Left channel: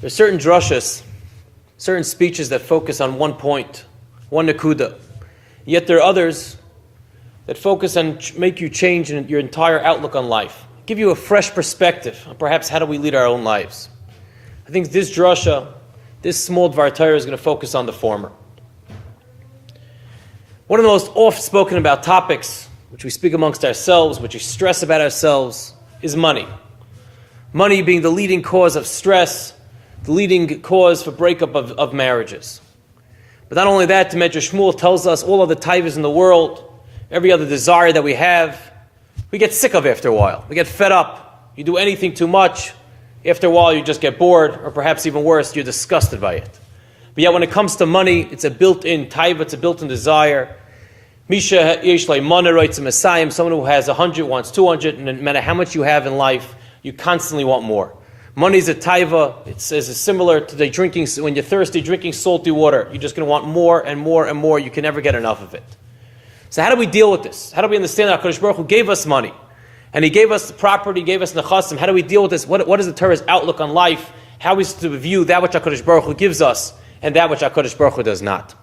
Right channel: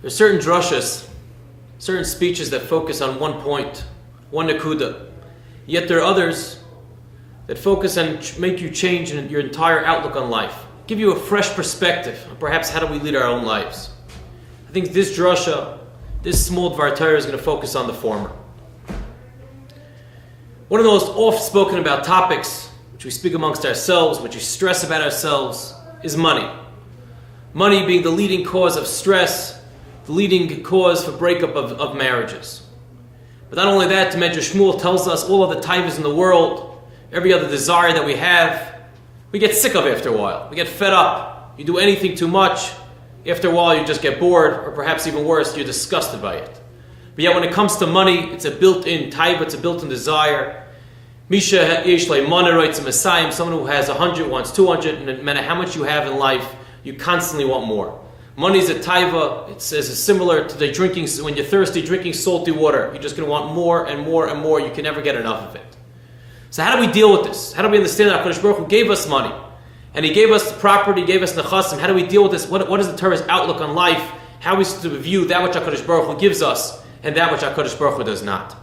There's certain drashas, certain speeches that focus on one point, one nakuda. Yet there are others that focus on make you change your entire outlook on life, give you a fresh perspective on perhaps how do we lead our own lives. I think this drasha, this small Dvar Torah is going to focus on the former. One of the most oft-spoken about topics, which we speak amongst ourselves, which we stress about ourselves, is money. Money being the leading cause of stress, the leading cause for breakup of marriages. But not only that, the Medrash Shmuel tells us all of the taivas in the world, every other desire that we have, we get sick of after a while. We get fed up. You do anything too much, after a while you just get bored, or perhaps even worse, you're disgusted by it. But yet when it comes to money, it's a built-in taiva, it's a built-in desire. Misha Yeshlai Moneroitz Messiah, someone who has 100 wants 200, and no matter how much you have in life, you constantly want more. Money is a taiva. It says it's similar to the drinking, when you're thirsty, drinking salty water. You're just going to want more and more and more. You can never get enough of it. So how do we deal with this? How do we understand that HaKadosh Baruch Hu gave us money? And He gave us the property, He gave us nechasim. How do we deal with this? What is the Torah's outlook on life? How is to view that which HaKadosh Baruch Hu gives us and that which HaKadosh Baruch Hu does not?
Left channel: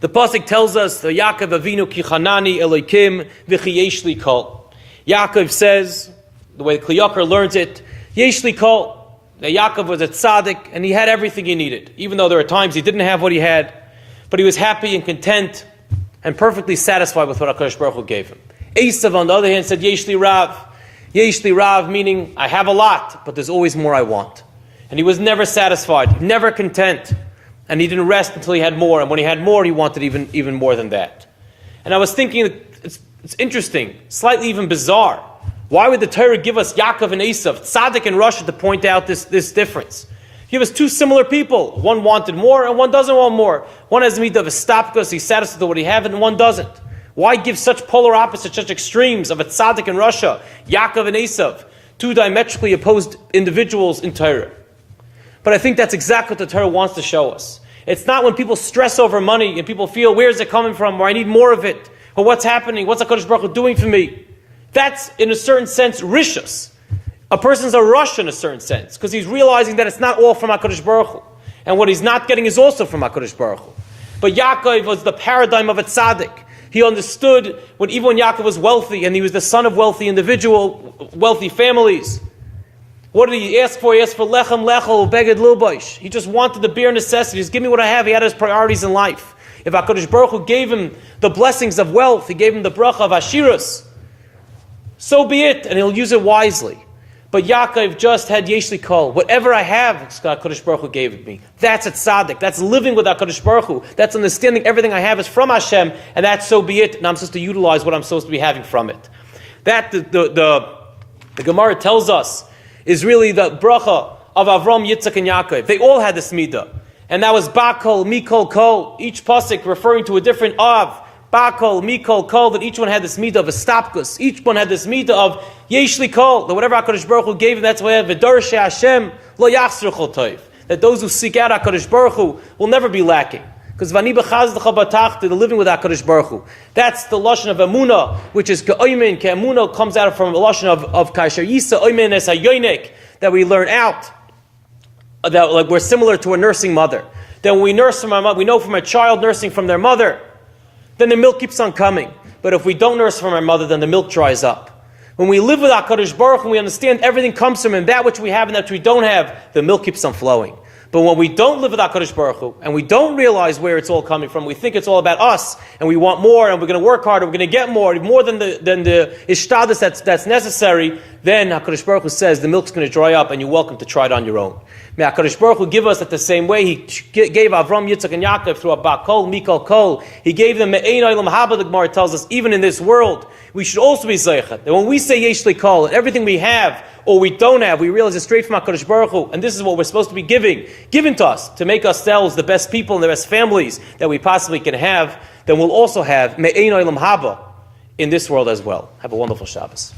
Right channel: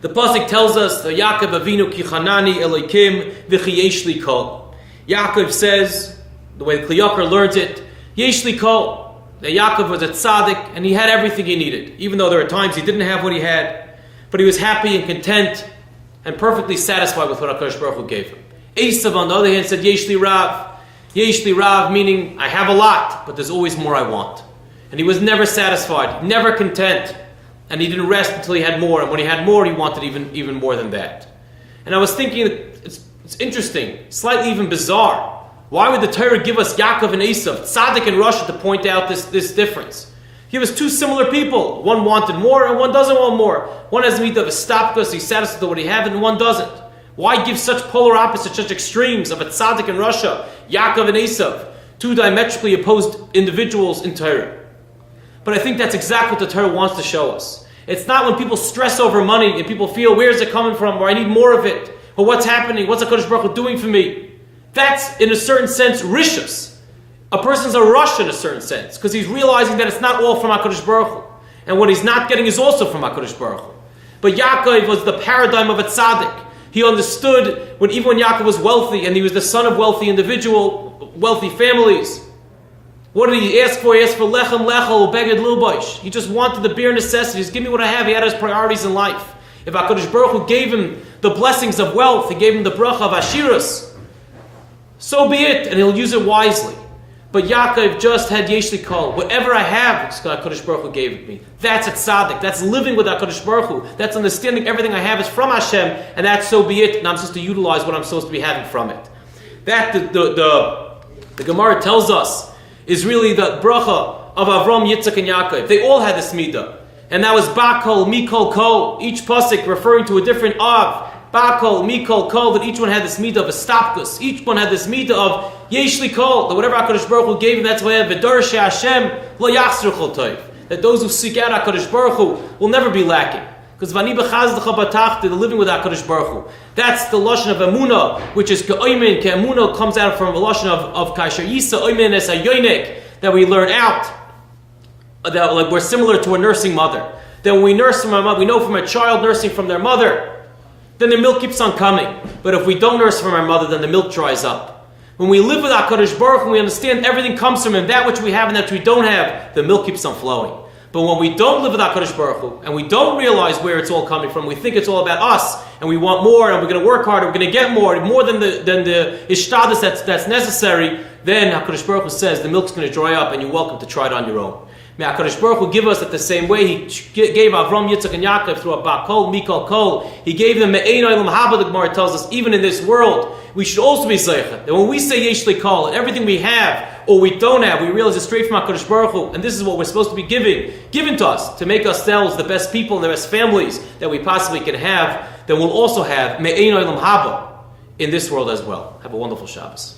The pasuk tells us, the Yaakov Avinu ki chanani Elokim v'chi yesh li kol. Yaakov says, the way Kli Yakar learns it, yesh li kol. That Yaakov was a tzaddik and he had everything he needed. Even though there were times he didn't have what he had, but he was happy and content and perfectly satisfied with what HaKadosh Baruch Hu gave him. Esav, on the other hand, said yesh li rav. Yesh li rav, meaning I have a lot, but there's always more I want. And he was never satisfied, never content. And he didn't rest until he had more. And when he had more, he wanted even more than that. And I was thinking, it's interesting, slightly even bizarre. Why would the Torah give us Yaakov and Esav, Tzaddik and Rosh, to point out this difference? Give us two similar people. One wanted more and one doesn't want more. One has the midah of a stopkus, he's satisfied with what he has, and one doesn't. Why give such polar opposites, such extremes of a Tzaddik and Rosh, Yaakov and Esav, two diametrically opposed individuals in Torah? But I think that's exactly what the Torah wants to show us. It's not when people stress over money and people feel, where's it coming from, or I need more of it, or what's happening, what's HaKadosh Baruch Hu doing for me? That's, in a certain sense, rishus. A person's a rush in a certain sense, because he's realizing that it's not all from HaKadosh Baruch Hu. And what he's not getting is also from HaKadosh Baruch Hu. But Yaakov was the paradigm of a tzaddik. He understood even when Yaakov was wealthy, and he was the son of wealthy families. What did he ask for? He asked for lechem lechel, beged lilboish. He just wanted the bare necessities. Give me what I have. He had his priorities in life. If HaKadosh Baruch Hu gave him the blessings of wealth, He gave him the bracha of ashirus, so be it, and he'll use it wisely. But Yaakov just had yesh li kol. Whatever I have, it's HaKadosh Baruch Hu gave it me. That's a tzaddik. That's living with HaKadosh Baruch Hu. That's understanding everything I have is from Hashem, and that's so be it, and I'm supposed to utilize what I'm supposed to be having from it. That the Gemara tells us is really the bracha of Avram, Yitzchak, and Yaakov. They all had this midah. And that was Bakol, Mikol, Kol. Each pasuk referring to a different Av. Bakol, Mikol, Kol. That each one had this midah of a stopkus. Each one had this midah of Yesh li Kol. That whatever HaKadosh Baruch Hu gave him, that's why V'dorshei Hashem lo yachzor chol toiv. That those who seek out HaKadosh Baruch Hu will never be lacking. Because Vani b'chazdecha batachta, the living with HaKadosh Baruch Hu. That's the lashon of emunah, which is ke'oimen, ke'emunah comes out from the lashon of kaisher yisa oimen es hayonik, that we learn out, that like we're similar to a nursing mother. That when we nurse from our mother, we know from a child nursing from their mother, then the milk keeps on coming. But if we don't nurse from our mother, then the milk dries up. When we live with HaKadosh Baruch Hu, we understand everything comes from Him, that which we have and that which we don't have, the milk keeps on flowing. But when we don't live with HaKadosh Baruch Hu, and we don't realize where it's all coming from, we think it's all about us, and we want more, and we're going to work harder, we're going to get more than the ishtadus that's necessary, then HaKadosh Baruch Hu says the milk's going to dry up, and you're welcome to try it on your own. May HaKadosh Baruch Hu give us it the same way He gave Avram, Yitzchak, and Yaakov through a Bakol, Mikol, Kol. He gave them Me'ein Olam Haba, the Gemara tells us, even in this world, we should also be Zeicha. That when we say Yesh li Kol, everything we have, or we don't have, we realize it's straight from HaKadosh Baruch Hu, and this is what we're supposed to be given to us, to make ourselves the best people and the best families that we possibly can have, then we'll also have Me'ein Olam Haba in this world as well. Have a wonderful Shabbos.